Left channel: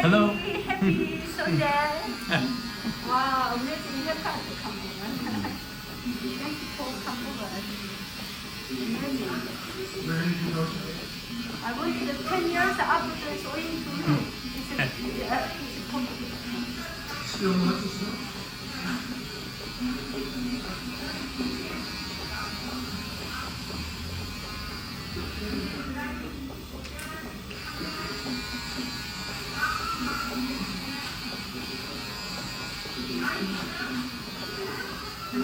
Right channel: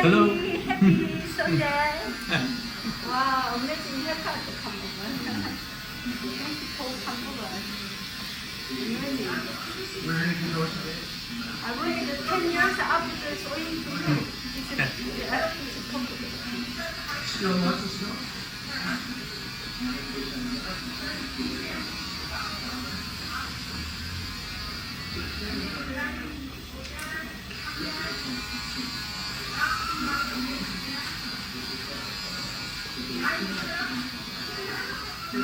Hello. Happy Sunday. Wow, amazing haircut. Mexico, Vancouver. Amazing. Where did you go today? I worked 10 years after sewing school. Still not to snow?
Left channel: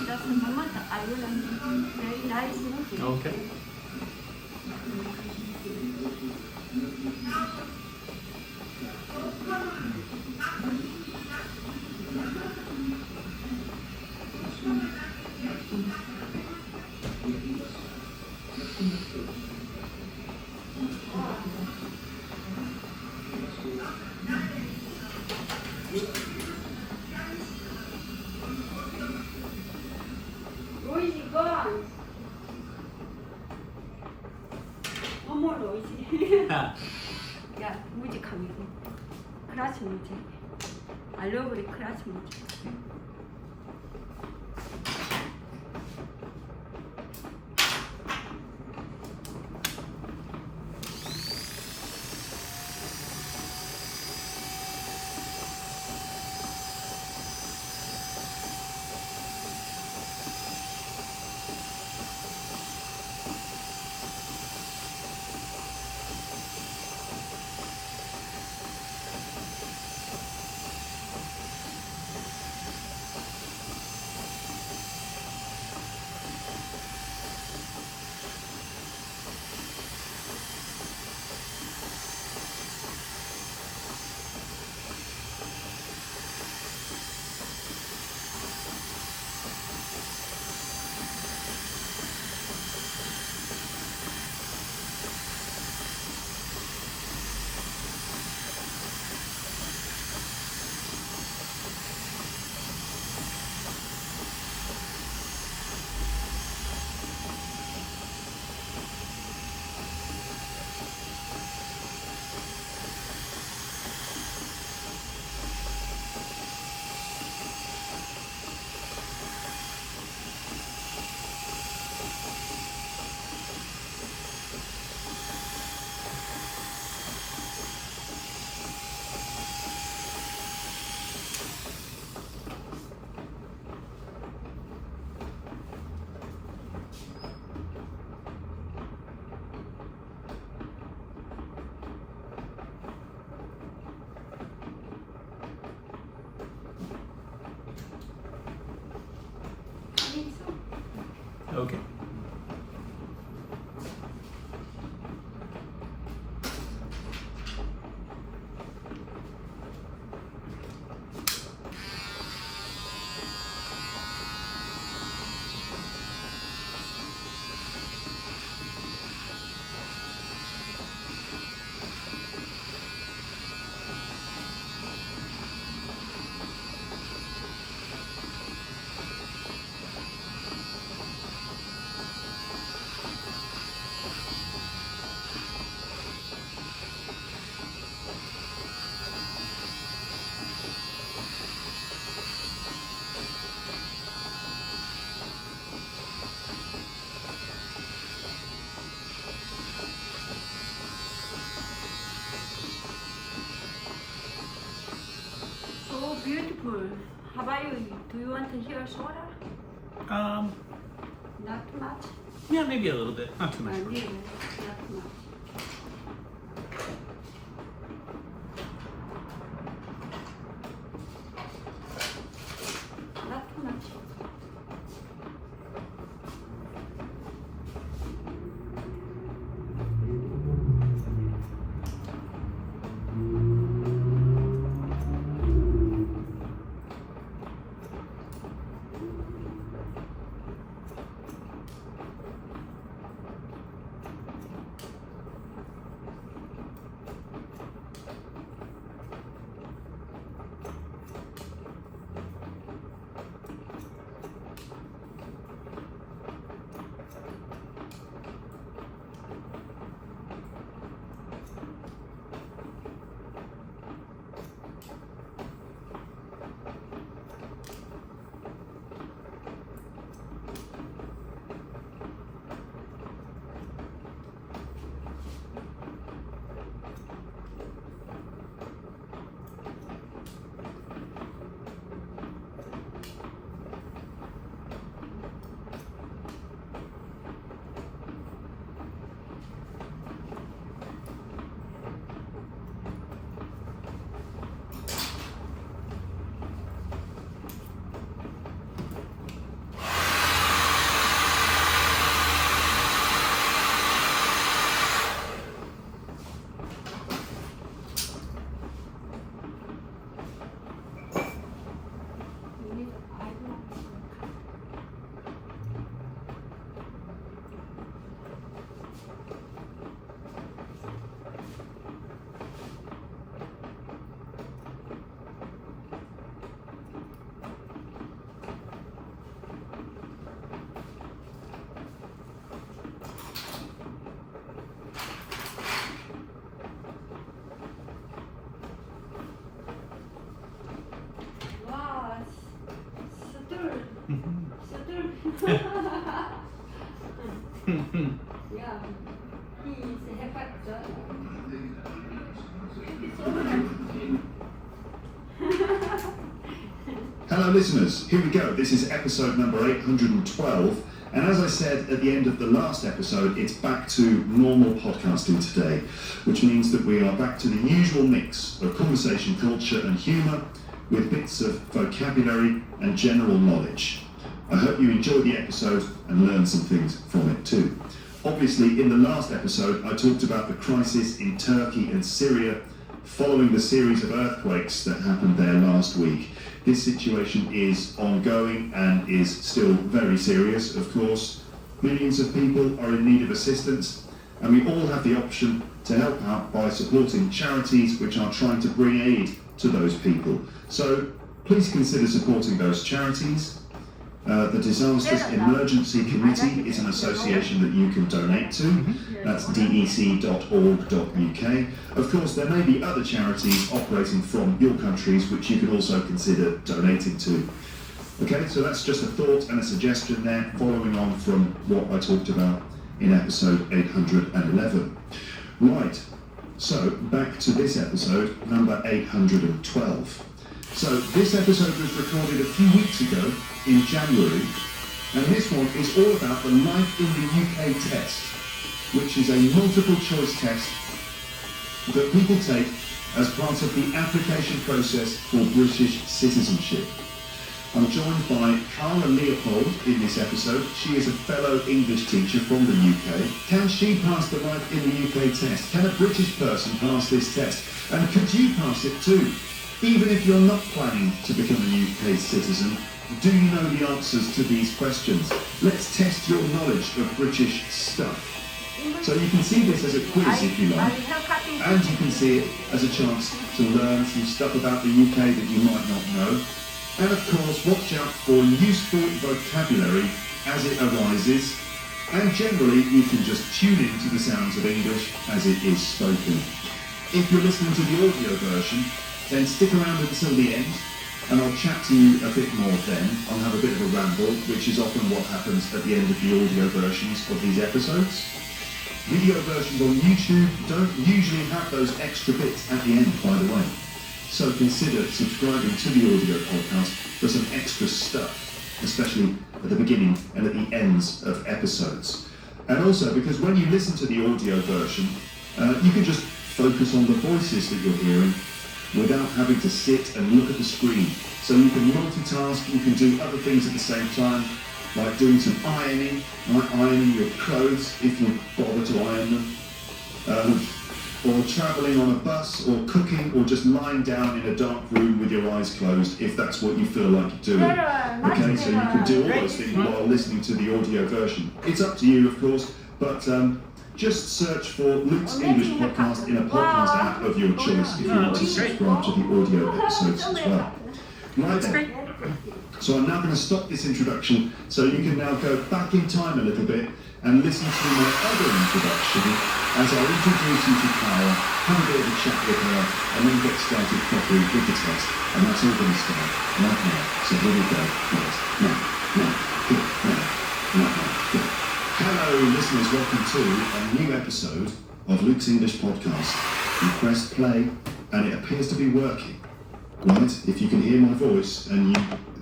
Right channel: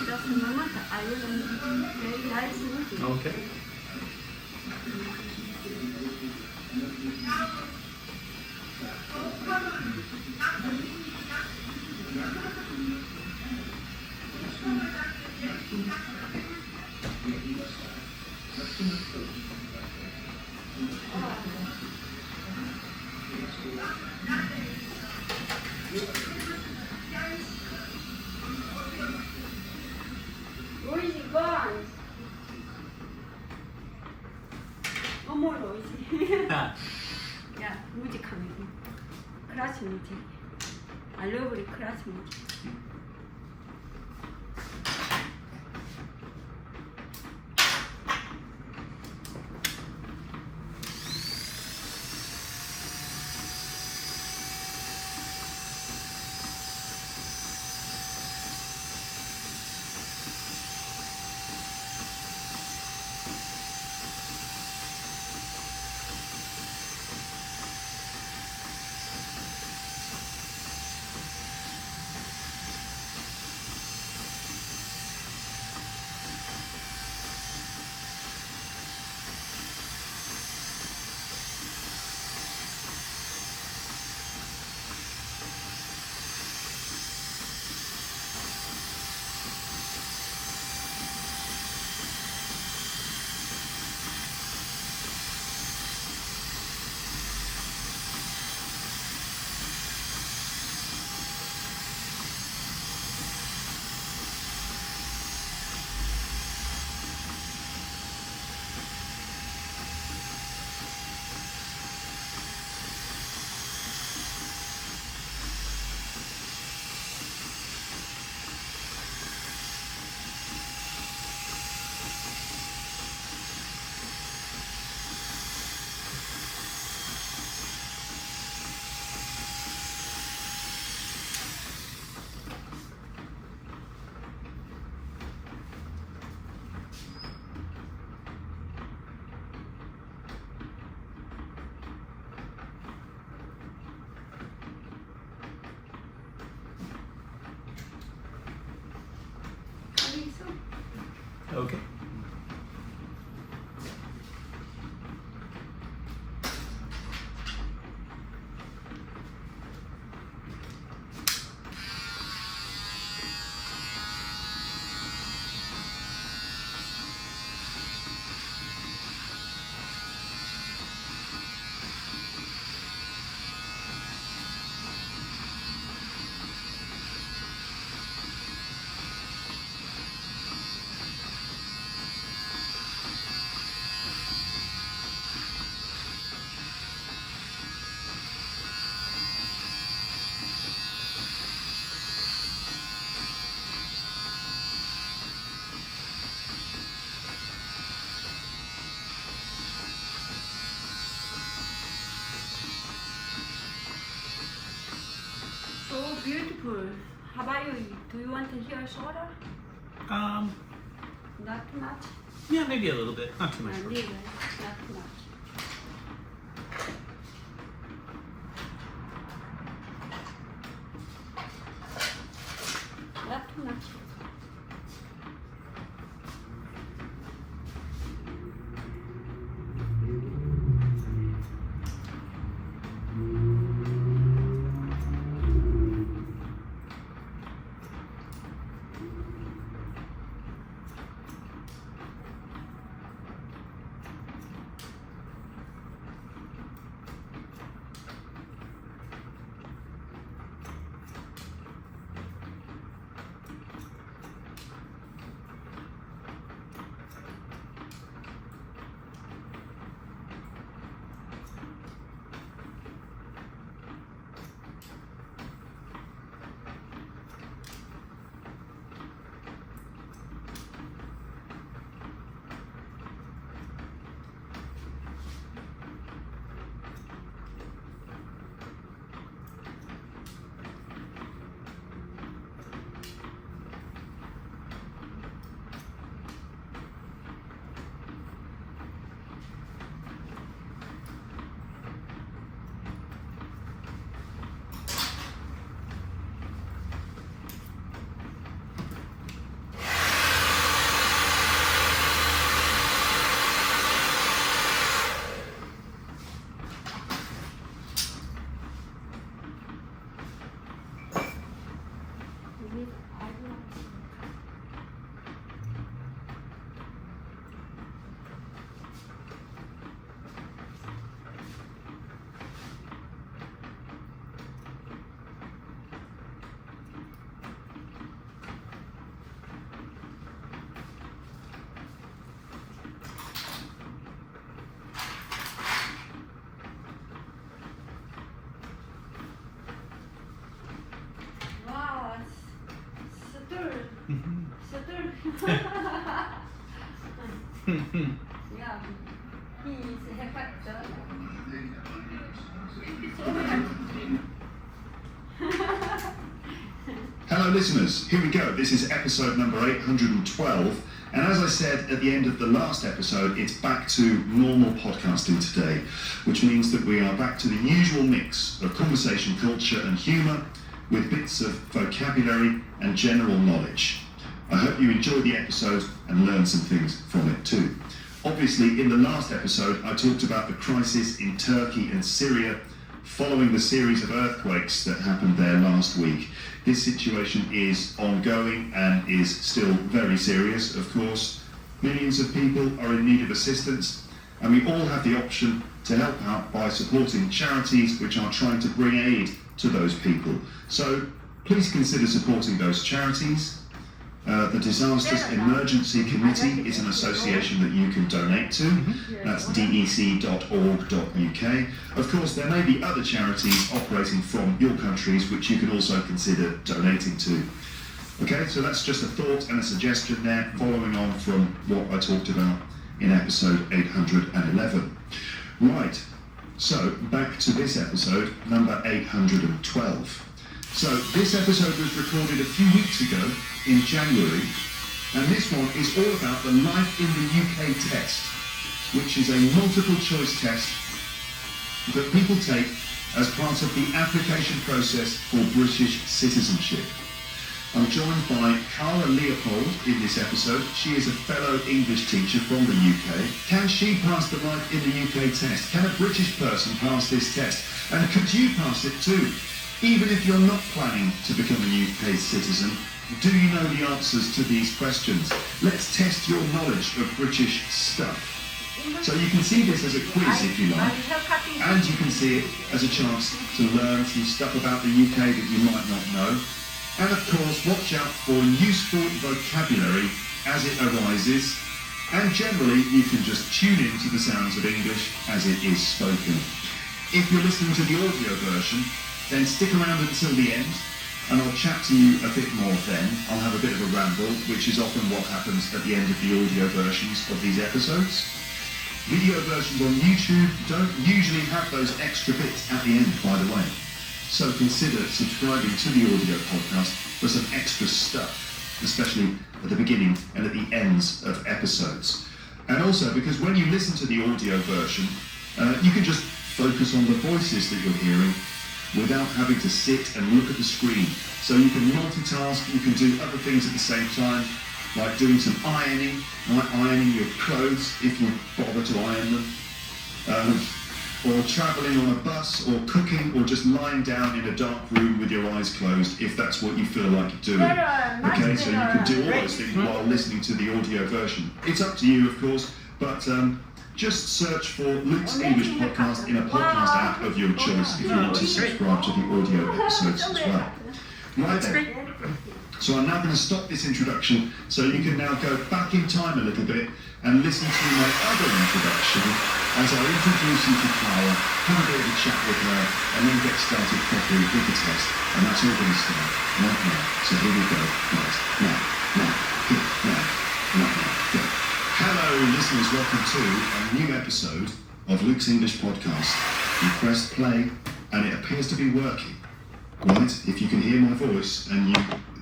That's the moment I really very nice movie. Okay. Where is it gone? No more noisy. Ah. Yeah, music music. Class music. I love the class music. Okay. So beautiful. How about you? Do you want to hear shorter? Not too much? Yeah, maybe a little bit. Not too much. Really, not too much. Not too much. Yeah, he's a factor. Hello listeners, here we go. This is episode number 812, and as I said at the end of the last episode, it's back to normal podcasting today, which means that we are back to the usual mix of conversation, culture and humour with bits of vocabulary and general knowledge. I hope you enjoyed the episode and learned some things from it too. Obviously, in the last episode, I talked about the crisis in Turkey and Syria following the series of earthquakes that happened there last week. This situation is ongoing and is still very serious, of course. Millions of people are in need of assistance, and we all have the option to help out by supporting charities which are trying to bring aid to those people. So please consider supporting those charities. The Disasters Emergency Committee is an association that you can donate to. That's dec.org.uk. Of course, there may be other charities operating from your countries which you could also consider donating to. Okay, so that's just a thought and a suggestion there, following on from what I talked about in episode 811. Right, so back to this episode, number 812. So this episode was recorded a few weeks ago in January, and this one is all about the Life in the UK test, which is a multiple choice test that people take as part of the application process for British citizenship. I'm joined by Cara Leopold in this episode. She is a fellow English teacher from the UK. Can she pass the Life in the UK test? Can a British person pass this test? And could you pass it too? Even if you're not planning to become a UK citizen, do you know the answers to these questions? Let's test your knowledge of British stuff. So you can see this as a quiz if you like, and you can see it as a chance to learn some stuff about the UK that you might not know. And of course, watch out for useful vocabulary as it arises, and generally you can just tune in to the sounds of English as it is spoken. If you're listening to the audio version, then stick around until the end, and I'll chat to you a bit more then. I'll have a bit of a ramble, which is often what happens at the end of the audio versions of these episodes. Video versions on YouTube don't usually have those extra bits at the end, by the way. So consider subscribing to the audio podcast for some extra stuff, especially at the beginning and at the ends of episodes. And also because when you listen to the audio version, you can just focus on the voices that you're hearing without having to sit and look at the screen. So you can multitask, you can do other things at the same time, like doing some ironing, like ironing your clothes if you bother to iron them, or travelling on a bus, or cooking, or just lying down in a dark room with your eyes closed if that's what you feel like doing. Okay, so you can do all those things while listening to the audio version. It's up to you, of course, but just search for Luke's English Podcast in a podcast app of your choice if you want to subscribe to the audio episodes as well. Right then. So I'm now going to stop this introduction so you can now go back in time a little bit and listen to my other introduction as I introduce you to Cara, have a bit of a chat with her, and then get started properly with the test. And that's all going to start right now. So here we go. Right. Now, here, now, right now, go. Hello listeners, welcome to a new episode of Luke's English Podcast. You pressed play and it appears to be working. Right, if you can hear my voice and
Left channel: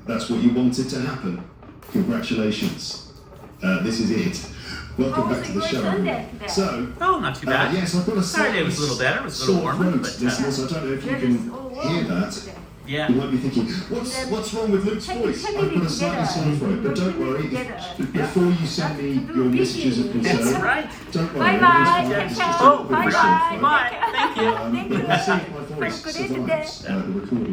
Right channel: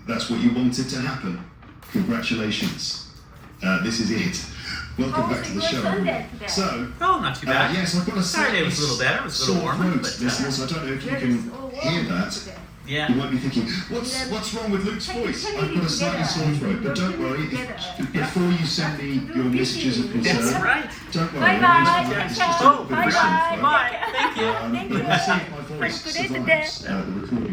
that's what you wanted to happen, congratulations. This is it. Welcome back to the show, everyone. So, not too bad. yes, I've got a Saturday was a little better. It was a little sore warmer, throat, but, listeners. I don't know if you can hear that. Yeah. You might be thinking, what's wrong with Luke's voice? I've got a slightly sore throat, but don't worry. Before you send me your messages of concern, That's right. don't worry, everything's fine. It's just a little bit of a sore throat. Bye. Thank you. But we'll see if my voice survives the recording.